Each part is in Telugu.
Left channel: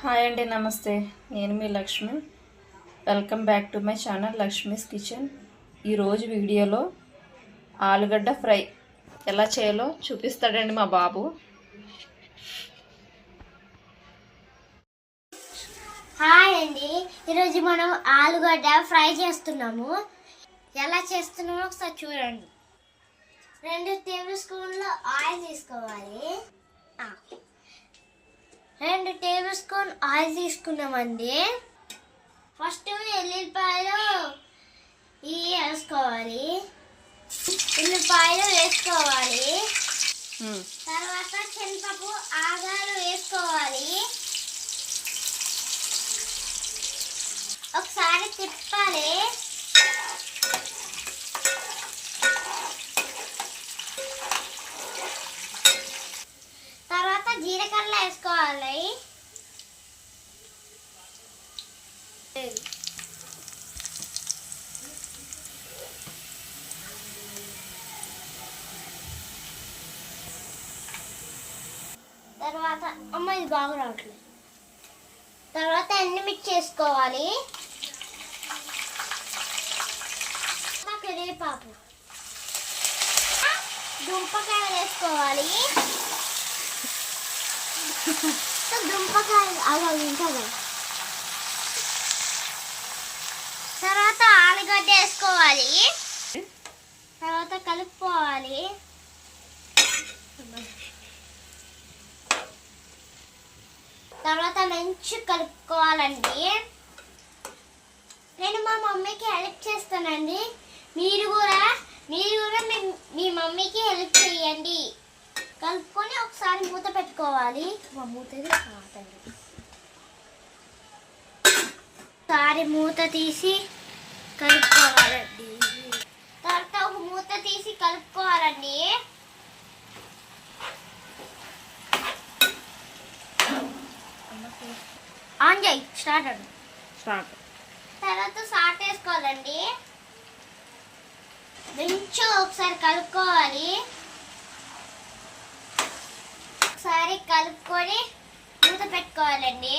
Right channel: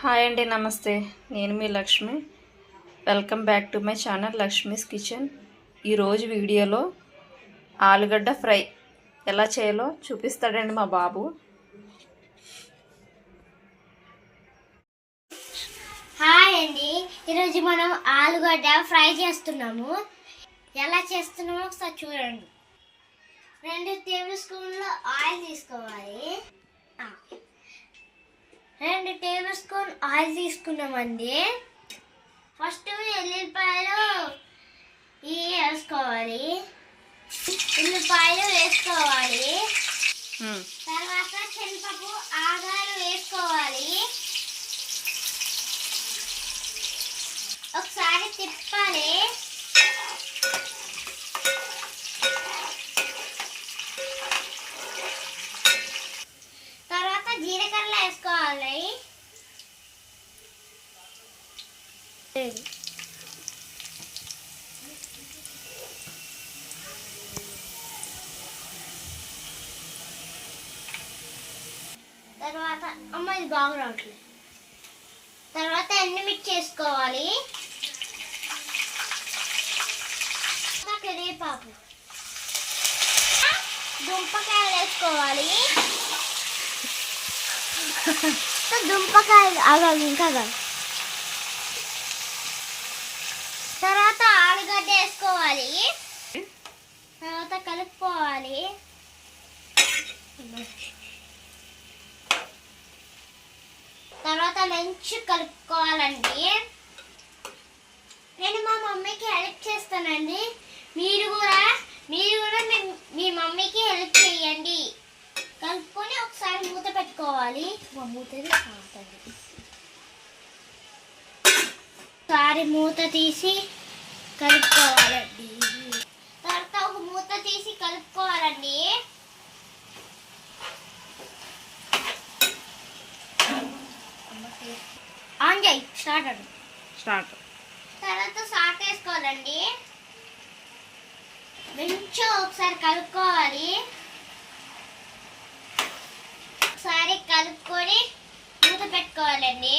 హాయ్ అండి, నమస్తే. నేను మీ Lakshmi. Welcome back to my channel Lakshmi's kitchen. ఈరోజు వీడియోలో ఆలుగడ్డ ఫ్రై ఎలా చేయాలో చూపిస్తాడండి మా బాబు. హాయ్ అండి, ఈరోజు మనం ఆలుగడ్డ ఫ్రై చేస్తున్నాము. ఎలా చేస్తున్నామో ఒకసారి చూడండి. 2 టేబుల్ స్పూన్లు ఆయిల్ తీసుకోవాలి. 2 టేబుల్ స్పూన్ ఆయిల్ తీసుకున్నామండి. ఫస్ట్ ఎల్లిపాయలు వేసుకోవాలి. తర్వాత శనగపప్పు ఆవాలు వేసుకోవాలి. ఒకసారి తిప్పాలి. తర్వాత జీలకర్ర వేసుకోవాలి. తర్వాత ఇది బాగా రావట్లేదు. తర్వాత ఎండుమిర్చి వేసుకోవాలి. కరివేపాకు, దుంపకాయలు వేసుకోవాలి. దుంపకాయలు తర్వాత ఆలుగడ్డ వేసుకోవాలి. తర్వాత కలుపుకోవాలి. తర్వాత మంచి కలుపుకోవాలండి. నేను మా మమ్మీకి హెల్ప్ చేస్తానండి. మీరు కూడా మీ మమ్మీకి హెల్ప్ చేయండి. కలుపుకొని ఒకసారి మూత పెట్టుకోవాలి. ఒకసారి మూత తీసి కలుపుకోవాలండి. తర్వాత ఒక మూత తీసి కలుపుకోవాలండి. ఆన్ చేయి. స్టార్ట్. తర్వాత సాల్ట్ వేసుకోవాలండి. మంచిగా ఒకసారి కలుపుకోవాలి. ఒకసారి కలుపుకొని మూత పెట్టుకోవాలండి.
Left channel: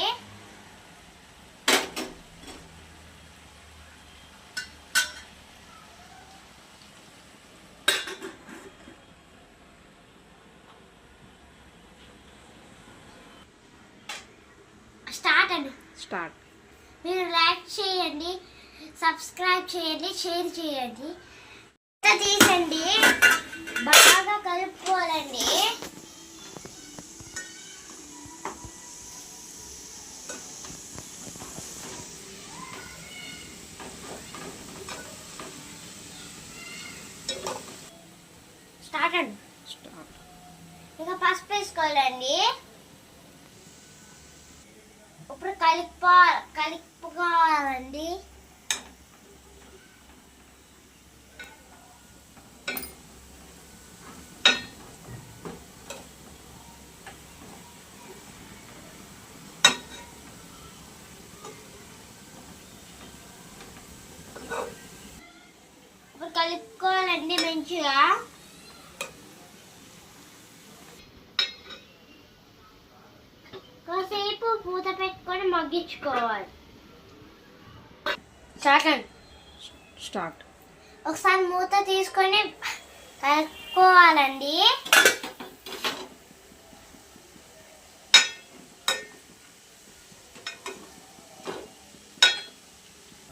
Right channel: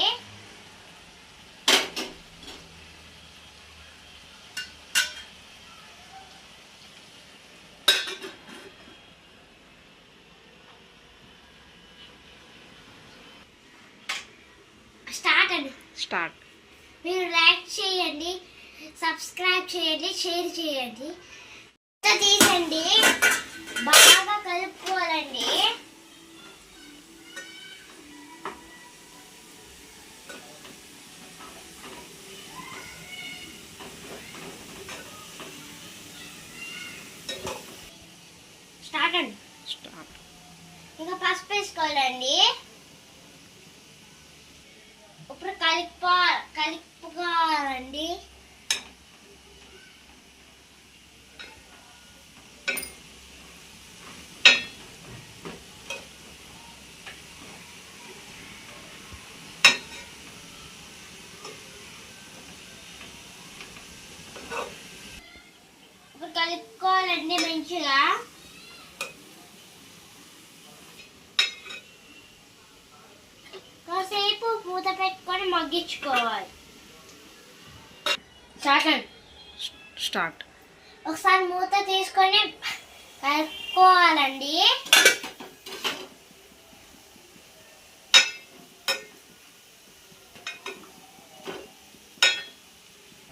స్టార్ట్. మీరు లైక్ చేయండి, సబ్స్క్రైబ్ చేయండి, షేర్ చేయండి. తీసండి, బాగా కలుపుకోవాలండి. స్టార్ట్. ఇంకా పసుపు వేసుకోవాలండి. ఇప్పుడు కలుపుకోవాలండి. ఇప్పుడు కలుపుకోవాలండి మంచిగా. కాసేపు మూత పెట్టుకొని మగ్గించుకోవాలి. స్టార్ట్. ఒకసారి మూత తీసుకొని కలుపుకోవాలండి.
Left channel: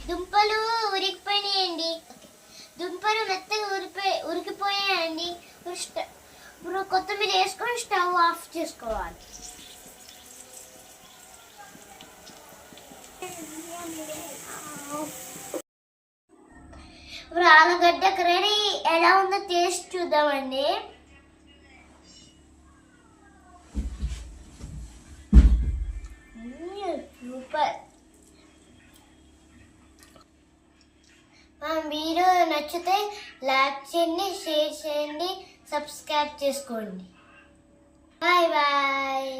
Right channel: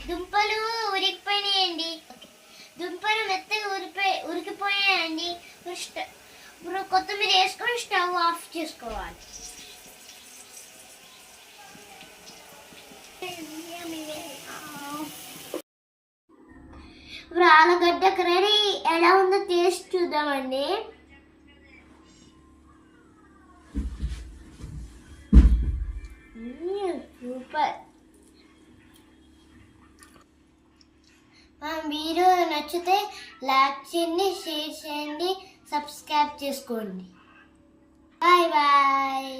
దుంపలు ఉరికిపోయినాయండి. దుంపలు మెత్తగా ఉరికిపోయాయండి. ఇప్పుడు కొత్తిమీర వేసుకొని స్టవ్ ఆఫ్ చేసుకోవాలి. ఇప్పుడు ఆలుగడ్డ కర్రీ ఎలా ఉందో టేస్ట్ చూద్దామండి. సూపర్. వీడియో నచ్చితే లైక్ చేయండి, షేర్ చేయండి, సబ్స్క్రైబ్ చేసుకోండి. Bye bye.